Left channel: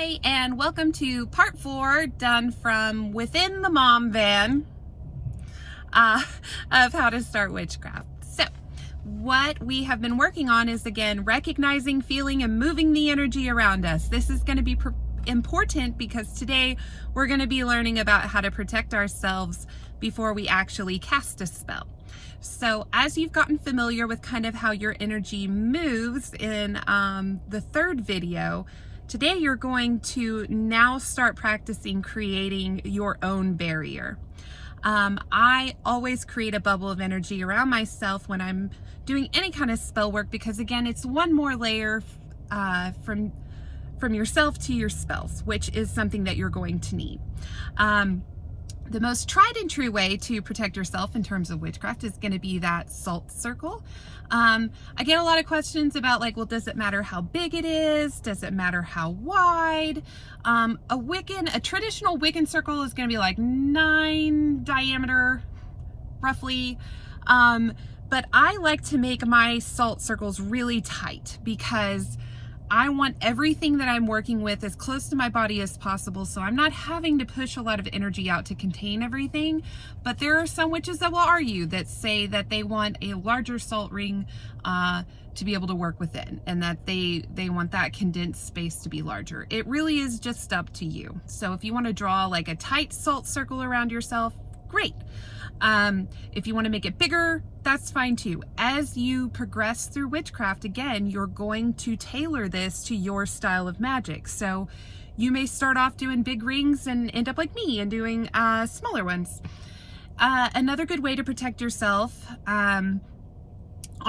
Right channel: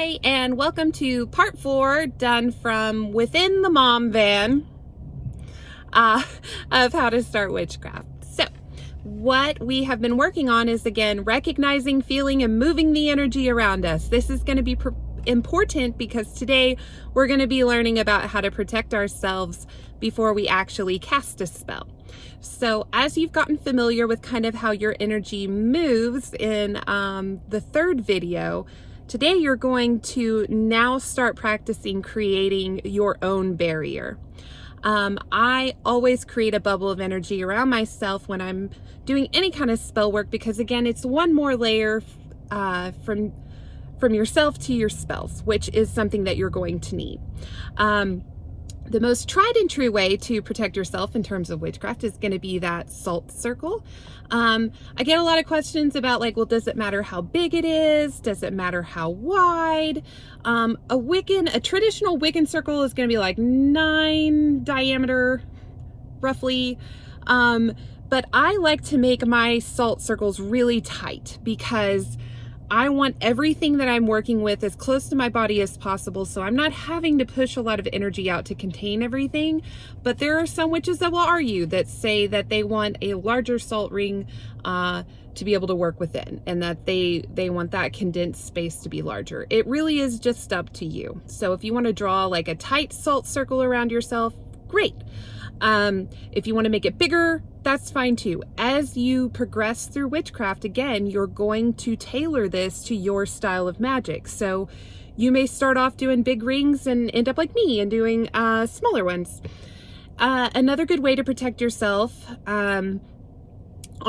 Hi, and welcome to part 4, done from within the mom van, of how to start witchcraft. So what we have been working on is, again, recognizing, feeling, and moving the energy around us. This is going to be important because today we're going to be learning about how to protect ourselves before we actually cast a spell. So as you've gotten familiar with kind of how your energy moves in the third video, today you're going to now start practicing creating your own barrier. I always create a bubble of energy around myself when I'm doing any kind of spell work because, again, it's one more layer from yourself to your spells, which is something that you're going to need. The most tried and true way to protect yourself in terms of witchcraft is going to be that salt circle. I get a lot of questions about, like, well, does it matter how big it is? Does it matter how wide? A traditional Wiccan circle is going to be like 9 diameter, roughly. But I like to make my salt circles really tight because I want everything that I'm working with as close to my body as possible, so I'm not having to push a lot of energy out to contain everything. But there are some witches that will argue that say that they want a larger salt ring to be able to work within, and that they want that condensed space to be larger. It really is just up to you. So if you want to draw like a tight salt circle around yourself, great. If you want to make it bigger, that's fine too. As you progress through witchcraft, again, you're going to tailor this to your style of magic. So you may start off doing big rings and end up like me and doing smaller ones. Another good way to protect yourself, on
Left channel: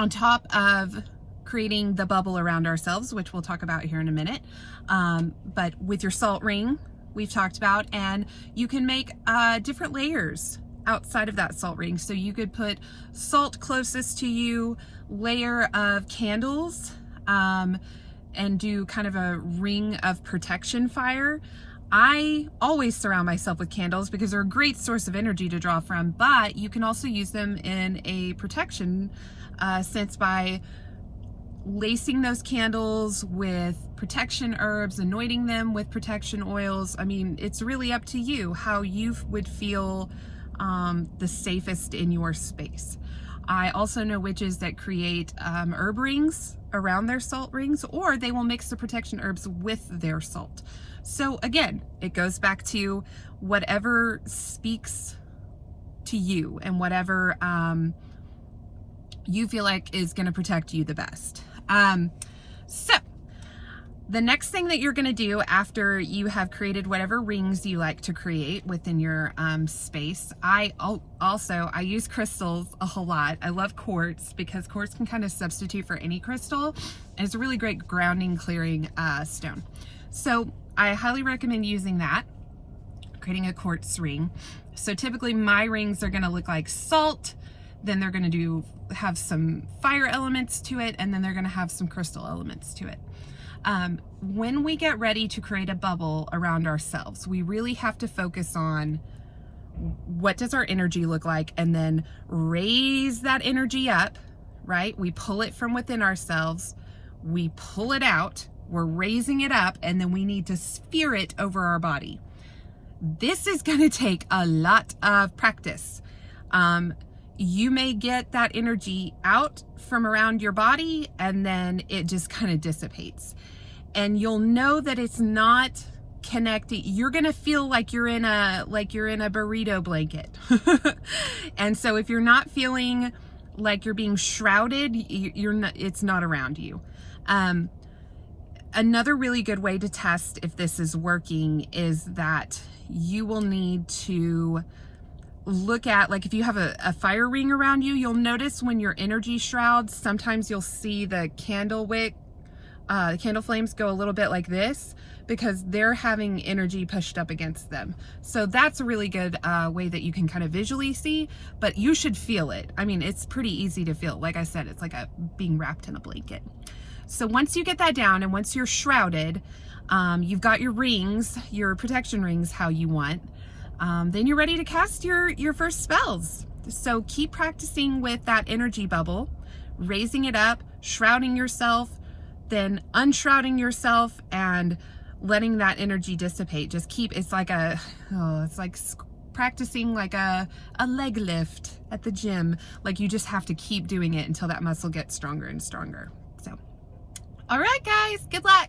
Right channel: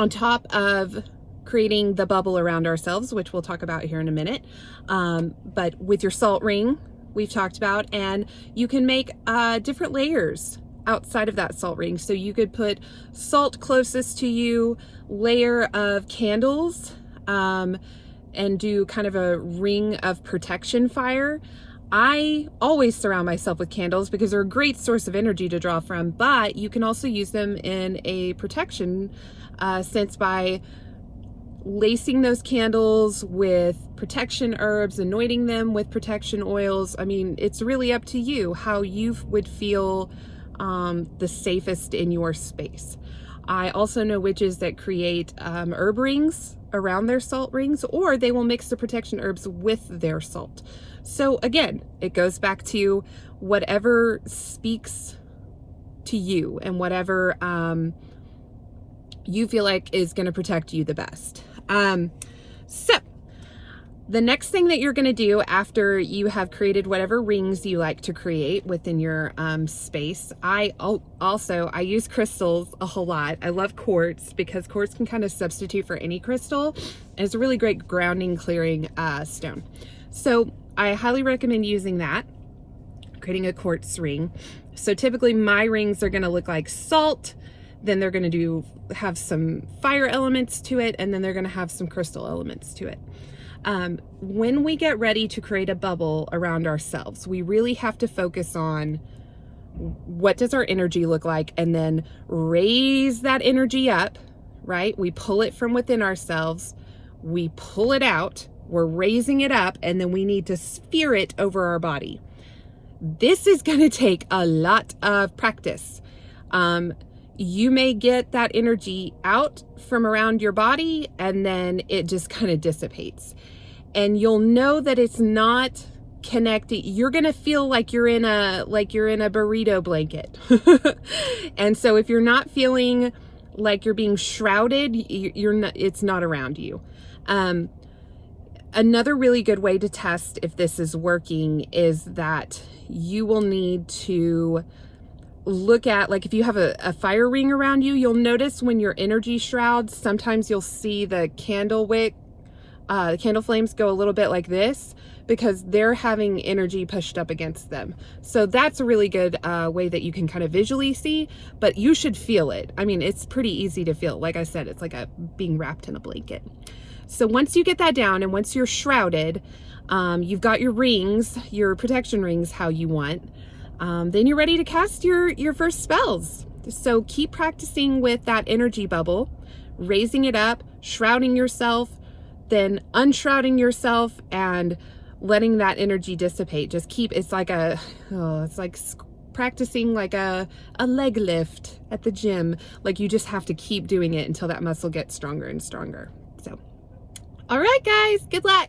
top of creating the bubble around ourselves, which we'll talk about here in a minute, but with your salt ring, we've talked about, and you can make different layers outside of that salt ring. So you could put salt closest to you, layer of candles, and do kind of a ring of protection fire. I always surround myself with candles because they're a great source of energy to draw from, but you can also use them in a protection sense by lacing those candles with protection herbs, anointing them with protection oils. I mean, it's really up to you how you would feel the safest in your space. I also know witches that create herb rings around their salt rings, or they will mix the protection herbs with their salt. So again, it goes back to whatever speaks to you and whatever you feel like is going to protect you the best. So the next thing that you're going to do after you have created whatever rings you like to create within your space, I use crystals a whole lot. I love quartz because quartz can kind of substitute for any crystal. It's a really great grounding, clearing stone. So I highly recommend using that, creating a quartz ring. So typically my rings are going to look like salt, then they're going to have some fire elements to it, and then they're going to have some crystal elements to it. When we get ready to create a bubble around ourselves, we really have to focus on what does our energy look like, and then raise that energy up, right? We pull it from within ourselves, we pull it out, we're raising it up, and then we need to sphere it over our body. This is going to take a lot of practice. You may get that energy out from around your body and then it just kind of dissipates. And you'll know that it's not connected. You're going to feel like you're in a burrito blanket. And so if you're not feeling like you're being shrouded, it's not around you. Another really good way to test if this is working is that you will need to look at, like, if you have a fire ring around you, you'll notice when your energy shrouds, sometimes you'll see the candle wick, the candle flames go a little bit like this because they're having energy pushed up against them. So that's a really good way that you can kind of visually see, but you should feel it. I mean, it's pretty easy to feel. Like I said, it's like being wrapped in a blanket. So once you get that down and once you're shrouded, you've got your rings, your protection rings how you want, then you're ready to cast your first spells. So keep practicing with that energy bubble, raising it up, shrouding yourself, then unshrouding yourself, and letting that energy dissipate. Just keep, it's like practicing like a leg lift at the gym. Like you just have to keep doing it until that muscle gets stronger and stronger. So, all right, guys, good luck.